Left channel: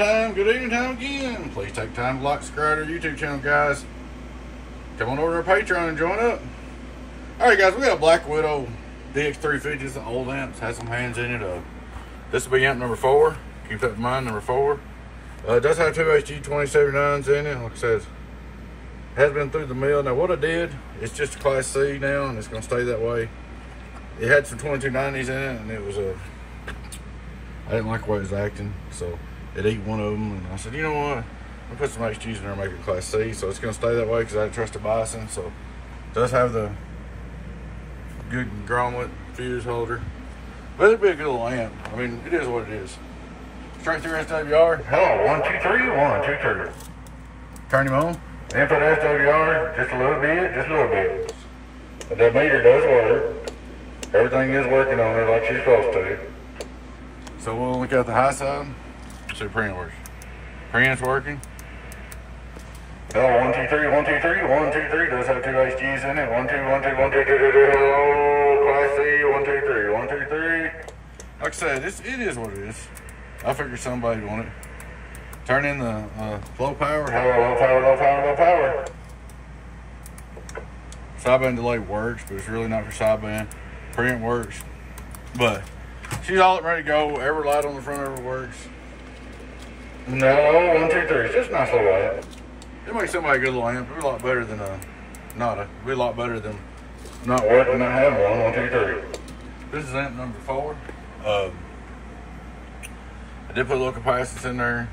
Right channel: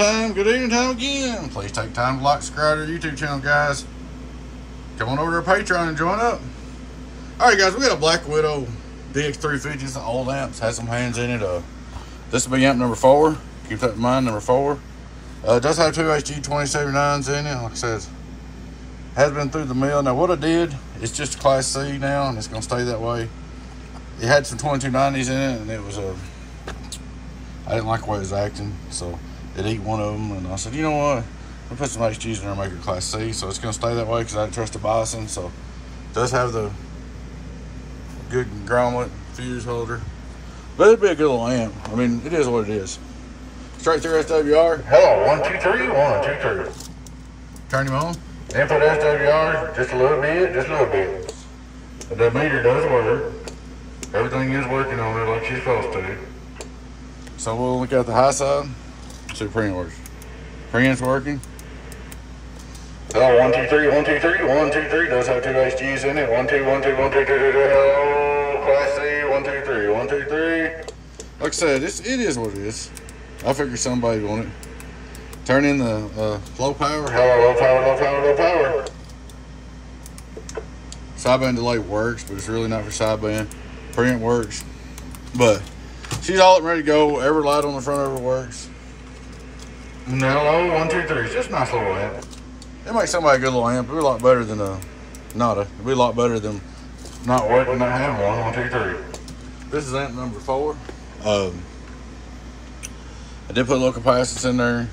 time, good evening time again. Please take time to like, subscribe to our YouTube channel, guys. Come on over to our Patreon and join up. Alright guys, we got a Black Widow DX350. It's an old amp, has some hands in it. This will be amp number 4. Keep that in mind, number 4. It does have two HG2079s in it. Like I said, has been through the mill. Now what I did, it's just a Class C now, and it's gonna stay that way. It had some 2290s in it, and it was a I didn't like the way it was acting, so it ate one of them, and I said, you know what? I'll put some HGs in there and make it Class C, so it's going to stay that way because I don't trust the biasing. So it does have the good grommet fuse holder, but it'd be a good little amp. I mean, it is what it is. Straight through SWR. Hello, 1, 2, 3, 1, 2, 3. Turn him on. Input SWR, just a little bit, just a little bit. But the meter does work. Everything is working on it like she's supposed to. So we'll look at the high side, see if preamp works. Preamp's working. Hello, 1, 2, 3, 1, 2, 3, 1, 2, 3. Does have two HGs in it. 1, 2, 1, 2, 1, 2, 2, 2, 2. Hello, Class C, 1, 2, 3, 1, 2, 3. Like I said, it is what it is. I figured somebody wanted it. Turn in the low power. Hello, low power, low power, low power. Sideband delay works, but it's really not for sideband. Preamp works, but she's all up ready to go. Every light on the front of her works. No, 1, 2, 3. It's just a nice little amp. It makes somebody a good little amp. It'd be a lot better than it'd be a lot better than not wet and not having one. 1, 2, 3. This is amp number 4. I did put a little capacitance in there.